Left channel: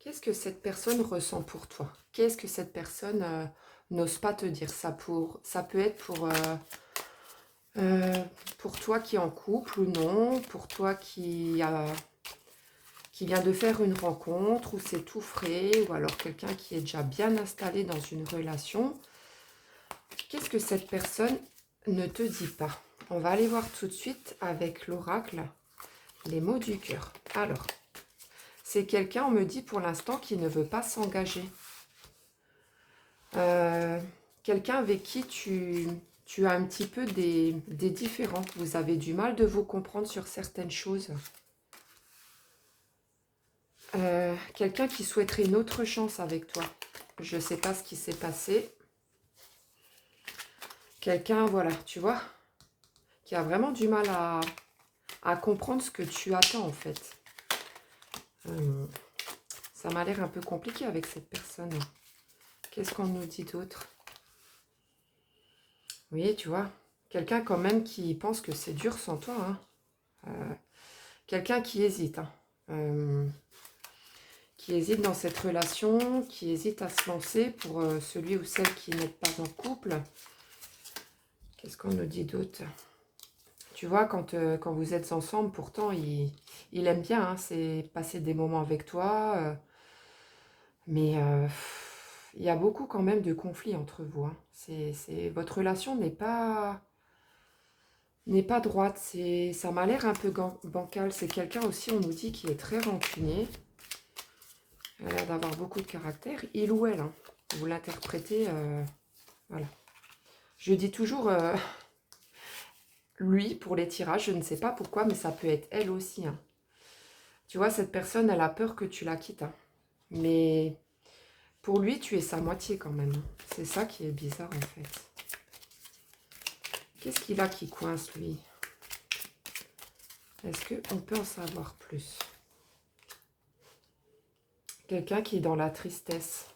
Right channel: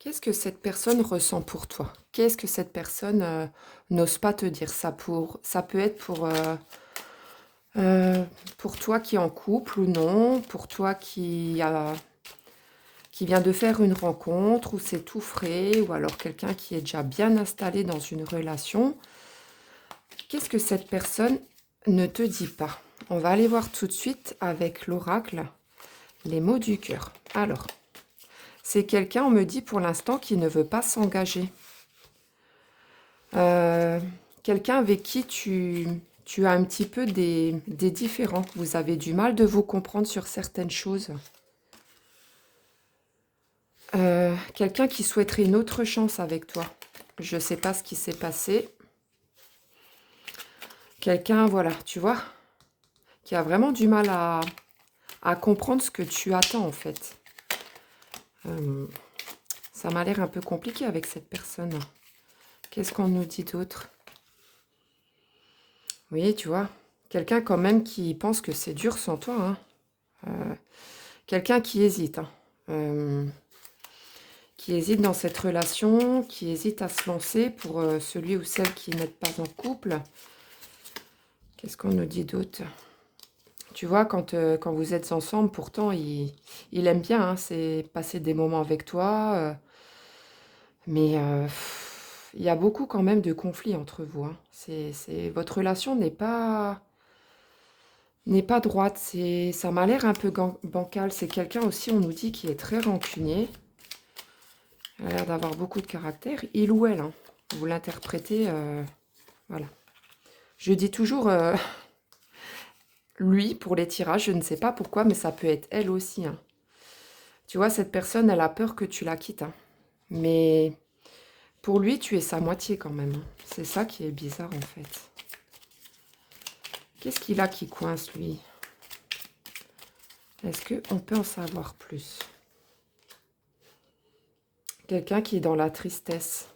Qu'est-ce que cette personne ressent pour toi? Qu'est-ce que cette personne n'ose pas te dire? Ça peut être euh, pour toi qui est en couple ou non, pour toi qui vient de faire une rencontre, ou c'est tout frais, ou alors quelqu'un qui est déjà bien installé dans une relation. Qu'est-ce que cette personne ne te dit pas? On va aller voir tout de suite avec l'oracle les mots du cœur. Alors, c'est quelqu'un, on me dit pour l'instant, qui ne veut pas s'engager. Euh, Quelqu'un avec qui tu as un petit peu des différends. Vous avez du mal de vous comprendre sur certaines choses. Quelqu'un qui souhaiterait une autre chance avec toi. Je ne sais pas ce qui s'est passé. Quelqu'un, voilà, tu vois, qui a vraiment du mal à comprendre ce que tu attends en fait. Euh, Ça m'a l'air un peu compliqué avec cette personne. Qu'est-ce qu'on nous dit d'autre? Oui, tu vois, quelqu'un quand même qui pense que c'est dur sans toi, hein. Quelqu'un qui hésite, hein. Qui hésite dans cette relation, qui hésite à se lancer pour celui ou celle qui n'est pas en couple. Qu'est-ce qu'on nous dit d'autre? Tu vois, quand vous êtes ensemble, pourtant, il aime bien, hein, c'est passer des moments avec toi. Mais il y a beaucoup quand même de conflits entre vous, hein. Votre relation n'est pas droite. Ça m'a l'air un peu bancal. C'est quelqu'un aussi, on nous dit, qui est très rancunier. Elle a l'air d'avoir beaucoup de caractère. Il ou elle, hein. Vous l'interprétez, voilà. Je dis toujours lui pour les tirages, je ne sais pas pourquoi, mais ça peut être elle aussi, hein. Tu vois, cette personne, elle a peur que tu la quittes, hein. Mais pour lui, tu es sa moitié quand même. C'est ça qui est bizarre en fait. Qu'est-ce qu'il a qui coince lui? Est-ce qu'on peut en savoir plus? Quelqu'un qui est dans la tristesse.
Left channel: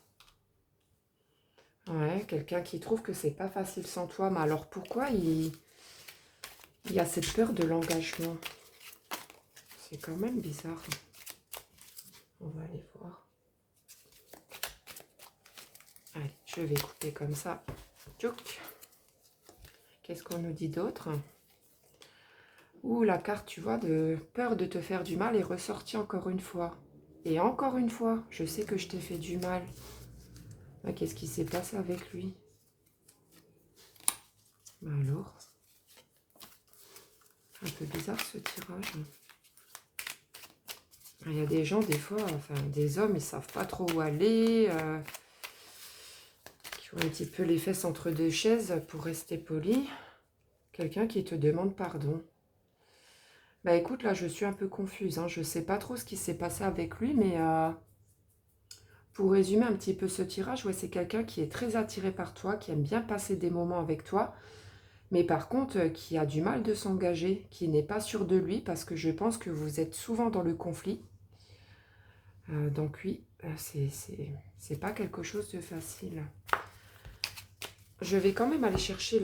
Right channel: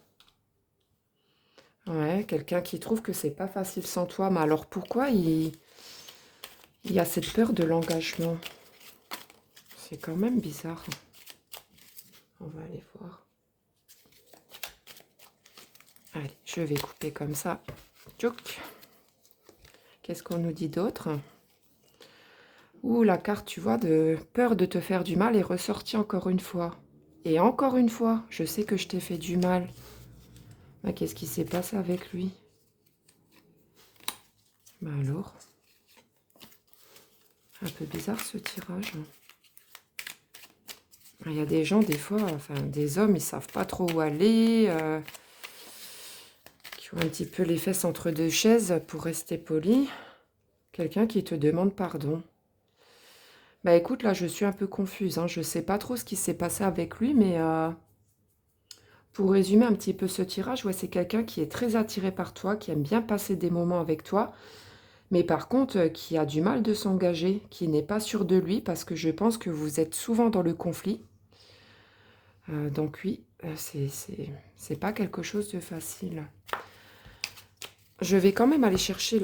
Ouais, quelqu'un qui trouve que c'est pas facile sans toi. Mais alors pourquoi il y a cette peur de l'engagement? C'est quand même bizarre. On va aller voir. Allez, je vais couper comme ça. Tchouk. Qu'est-ce qu'on nous dit d'autre? Ouh, la carte, tu vois, de peur de te faire du mal est ressortie encore une fois. Et encore une fois, je sais que je t'ai fait du mal. Ah, qu'est-ce qui s'est passé avec lui? Bah alors, un peu bizarre ce tirage. Il y a des gens, des fois, enfin des hommes, ils savent pas trop où aller, qui ont un petit peu les fesses entre deux chaises pour rester poli. Quelqu'un qui te demande pardon. Bah écoute, là je suis un peu confuse, hein. Je sais pas trop ce qui s'est passé avec lui, mais pour résumer un petit peu ce tirage, ouais, c'est quelqu'un qui est très attiré par toi, qui aime bien passer des moments avec toi, mais par contre qui a du mal de s'engager, qui n'est pas sûr de lui, parce que je pense que vous êtes souvent dans le conflit. Donc oui, c'est pas quelque chose de facile. Je vais quand même aller chercher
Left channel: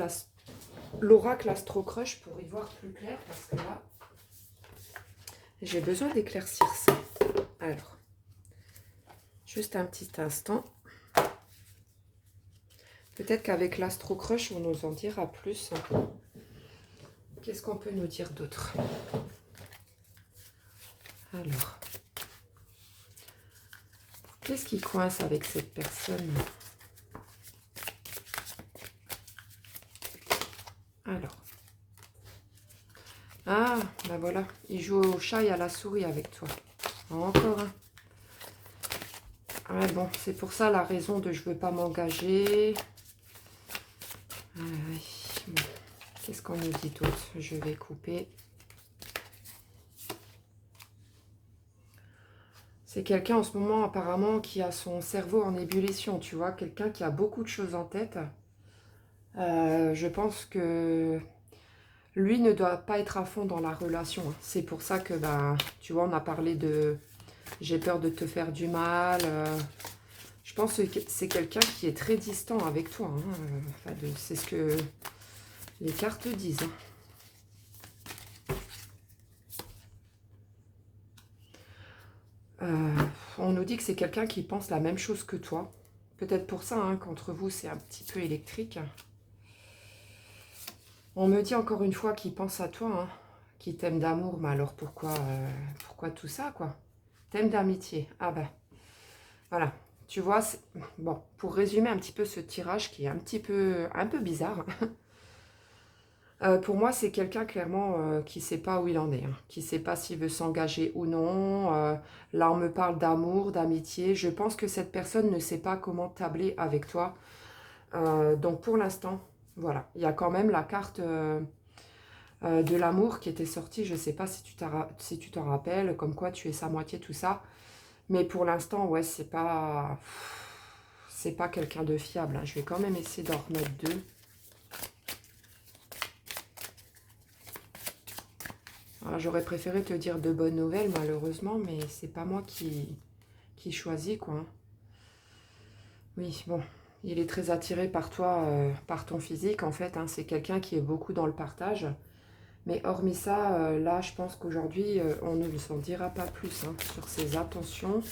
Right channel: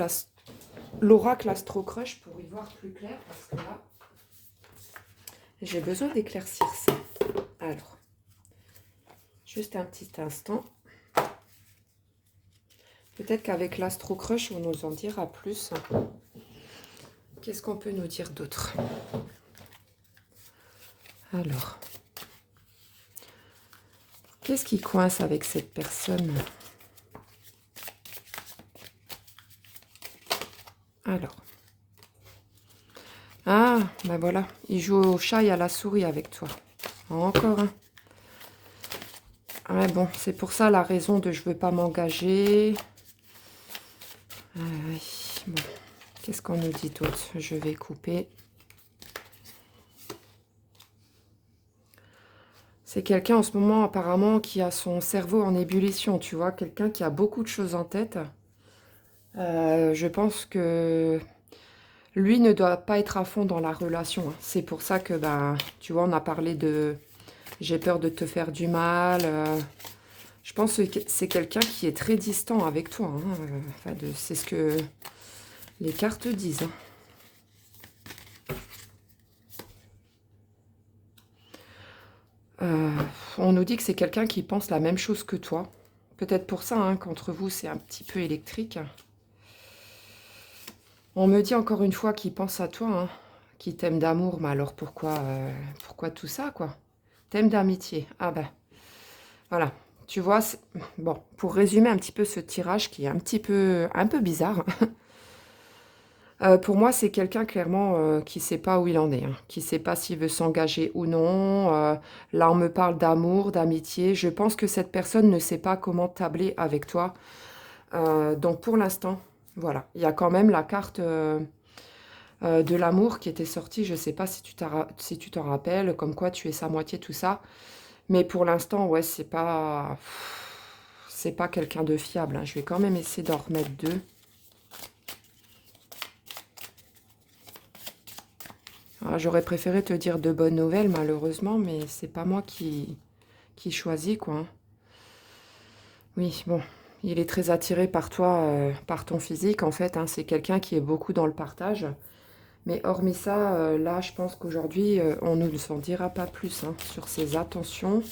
l'oracle Astro Crush pour y voir plus clair, parce que là, j'ai besoin d'éclaircir ça. Alors, juste un petit instant. Peut-être qu'avec l'Astro Crush, on nous en dira plus. Qu'est-ce qu'on peut nous dire d'autre? Alors, qu'est-ce qui coince avec cette personne? Alors, ah, ben voilà, il joue au chat et à la souris avec toi. Encore un. Ouais, bon, c'est pour ça la raison de je veux pas m'engager. Oui, bon. Qu'est-ce qu'on nous dit d'autre? Je vais couper. C'est quelqu'un en ce moment apparemment qui a son cerveau en ébullition, tu vois, quelqu'un qui a beaucoup de choses en tête. Je pense que lui ne doit pas être à fond dans la relation, hein. C'est pour ça que, bah, tu vois, on a parlé de j'ai peur de te faire du mal. Je pense que c'est quelqu'un qui est très distant avec toi, hein. Enfin, c'est ce que les cartes disent, hein. On nous dit que c'est quelqu'un qui pense la même chose que toi. Peut-être pour ça, hein, qu'entre vous, c'est un petit peu électrique. On me dit encore une fois qu'il pense à toi, hein, qu'il t'aime d'amour. Mais alors pourquoi tout ça, quoi? T'aimes d'amitié. Ah ben, voilà. Tu vois, bon, pour résumer un petit peu ce tirage qui est un peu bizarre, pour moi, c'est quelqu'un clairement qui ne sait pas où il en est, hein, qui ne sait pas s'il veut s'engager ou non. Là, on me parle d'amour, d'amitié. Je pense que cette personne ne sait pas comment tabler avec toi. Donc pour l'instant, voilà, il y a quand même la carte de l'amour qui était sortie. Je ne sais pas si tu t'en rappelles, comme quoi tu es sa moitié, tout ça. Mais pour l'instant, ouais, c'est pas quelqu'un de fiable, hein. Je vais quand même essayer d'en remettre deux. Ah, j'aurais préféré te dire de bonnes nouvelles, malheureusement, mais c'est pas moi qui choisis, quoi, hein. Oui, bon, il est très attiré par toi, par ton physique, en fait, hein. C'est quelqu'un qui est beaucoup dans le partage. Mais hormis ça, là, je pense qu'aujourd'hui, on ne le s'en dira pas plus, hein, sur ses intentions.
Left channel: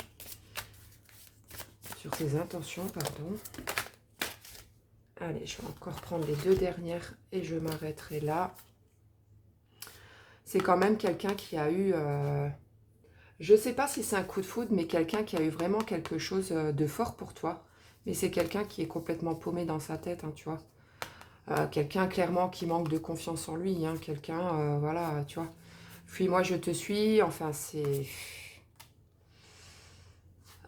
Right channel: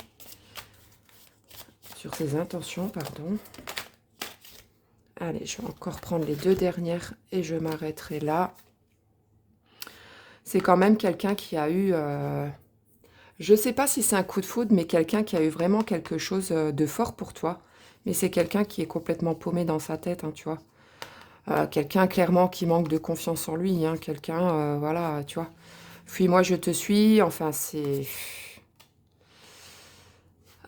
Sur ses intentions, pardon. Allez, je vais encore prendre les deux dernières et je m'arrêterai là. C'est quand même quelqu'un qui a eu... je ne sais pas si c'est un coup de foudre, mais quelqu'un qui a eu vraiment quelque chose de fort pour toi. Mais c'est quelqu'un qui est complètement paumé dans sa tête, hein, tu vois. Quelqu'un clairement qui manque de confiance en lui, hein. Quelqu'un, voilà, tu vois. Fuis-moi, je te suis. Enfin, c'est...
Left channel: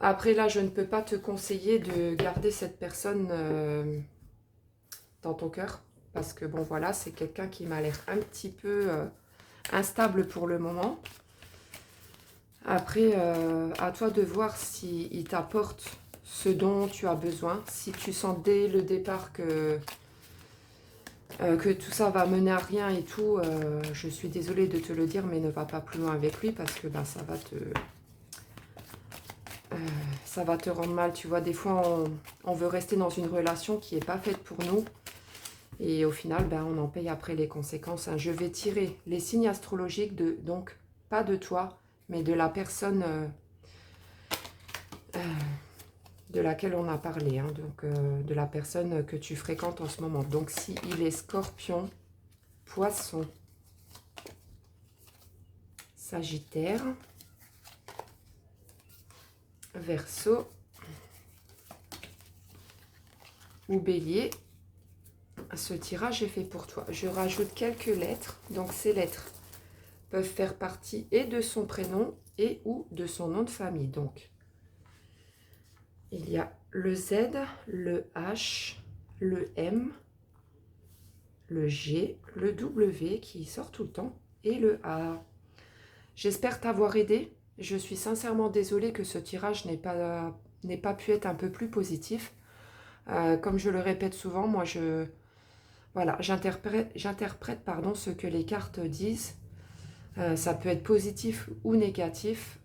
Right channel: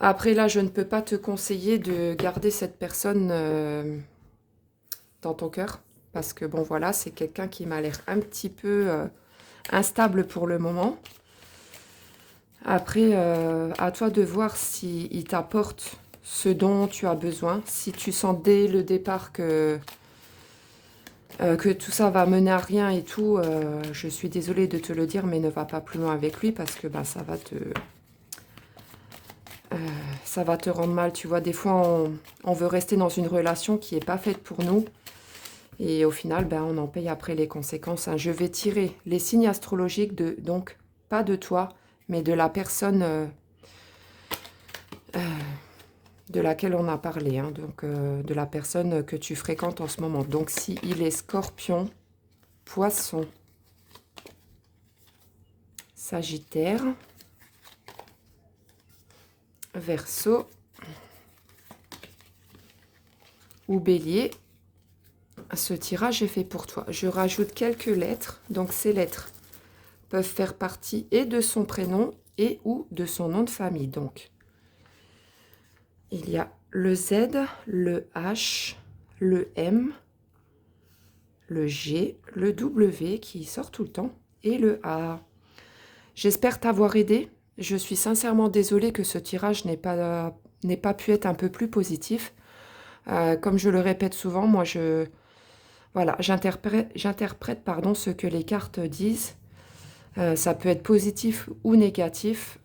Après, là, je ne peux pas te conseiller de garder cette personne dans ton cœur. Parce que, bon, voilà, c'est quelqu'un qui m'a l'air un petit peu instable pour le moment. Après, à toi de voir s'il t'apporte ce dont tu as besoin. Si tu sens dès le départ que tout ça va mener à rien et tout, je suis désolée de te le dire, mais ne va pas plus loin avec lui parce que ben, ça va te rendre mal. Tu vois, des fois, on veut rester dans une relation qui n'est pas faite pour nous. Et au final, ben, on en paye après les conséquences, hein. Je vais tirer les signes astrologiques, donc pas de toi, mais de la personne de laquelle on a parlé, hein, donc de la personne que tu fréquentes en ce moment. Donc si il est Scorpion, Poisson, Sagittaire, Verseau ou Bélier, ce tirage est fait pour toi. Je rajoute quelques lettres, donc ces lettres peuvent faire partie et de son prénom et ou de son nom de famille. Donc, il y a le Z, le H, le M, le G, le W qui sort tout le temps et le A. J'espère t'avoir aidé. Je suis sincèrement désolée que ce tirage n'ait pas pu être un peu plus positif. Comme je le répète souvent, moi, voilà, j'interprète pardon, ce que les cartes disent. Ça peut être positif ou négatif.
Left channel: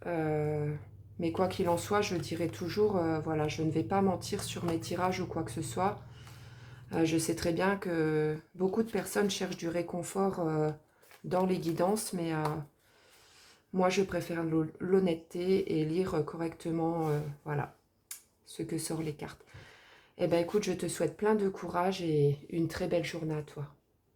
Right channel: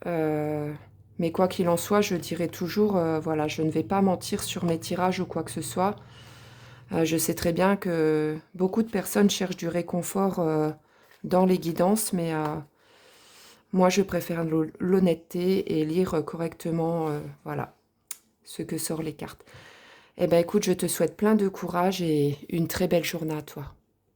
Mais quoi qu'il en soit, je dirais toujours, voilà, je ne vais pas mentir sur mes tirages ou quoi que ce soit. Je sais très bien que beaucoup de personnes cherchent du réconfort dans les guidances, mais moi, je préfère l'honnêteté et lire correctement, voilà, ce que sortent les cartes. Eh bien, écoute, je te souhaite plein de courage et une très belle journée à toi.